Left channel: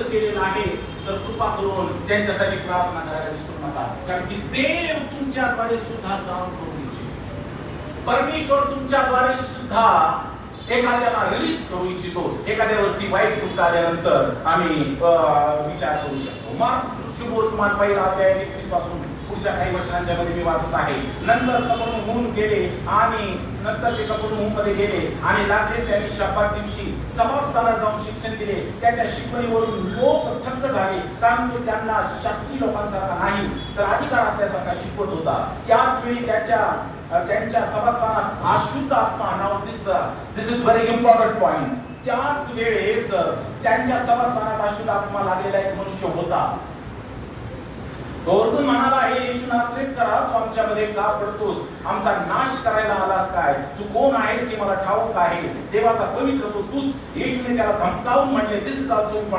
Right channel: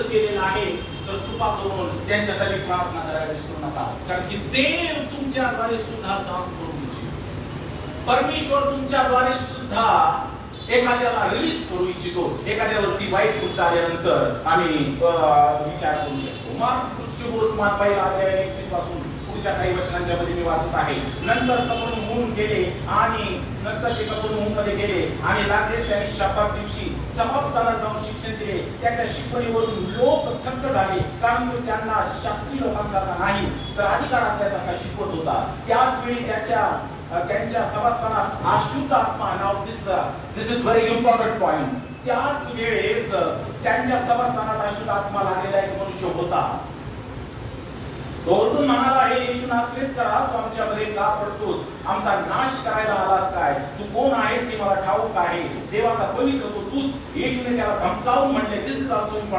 समाविष्ट केलेलं आहे, तर कृपा करून त्यांच्यासाठी प्रार्थना करायला विसरू नका, कारण की देव तुमच्याद्वारे सुद्धा काम करू इच्छितो. परमेश्वर तुमच्याद्वारे सुद्धा एखाद्याला रिलीज करू इच्छितो. एखाद्यावरती वाईट कृत्य आल्यानंतर आम्ही विचार करू शकतो. मग शुभवर्तमान पहिला अध्याय 21 पासून पुढच्या काही वचनांच्या मध्ये मी वाचत आहे. नंतर कफरनहूम गेले आणि नंतर ते कफरनहूम मध्ये गेले आणि लागले त्यांनी शब्दात दिवशी समाजस्थानात जाऊन शिक्षण दिले. त्याच्या शिकवणीवरून लोक थक्क झाले, कारण तो त्यांना शास्त्रीय लोकांसारखा नाही तर अधिकार असल्यासारखा शिकवत होता. त्याच वेळी त्यांच्या सभास्थानात अशुद्ध आत्मा, now this is very important point, त्याच वेळेस त्यांच्या सभास्थानात अशुद्ध आत्मा लागलेला एक मनुष्य होता. तो ओरडून म्हणाला, हे येशू नासरेतकरा, तू आमच्यामध्ये का पडतोस? आमचा नाश करायला आलास काय? तू कोण आहेस हे मला ठाऊक आहे. देवाचा पवित्र तो तूच. येशूने त्याला धमकावून म्हणले, दिस इज ऑल्सो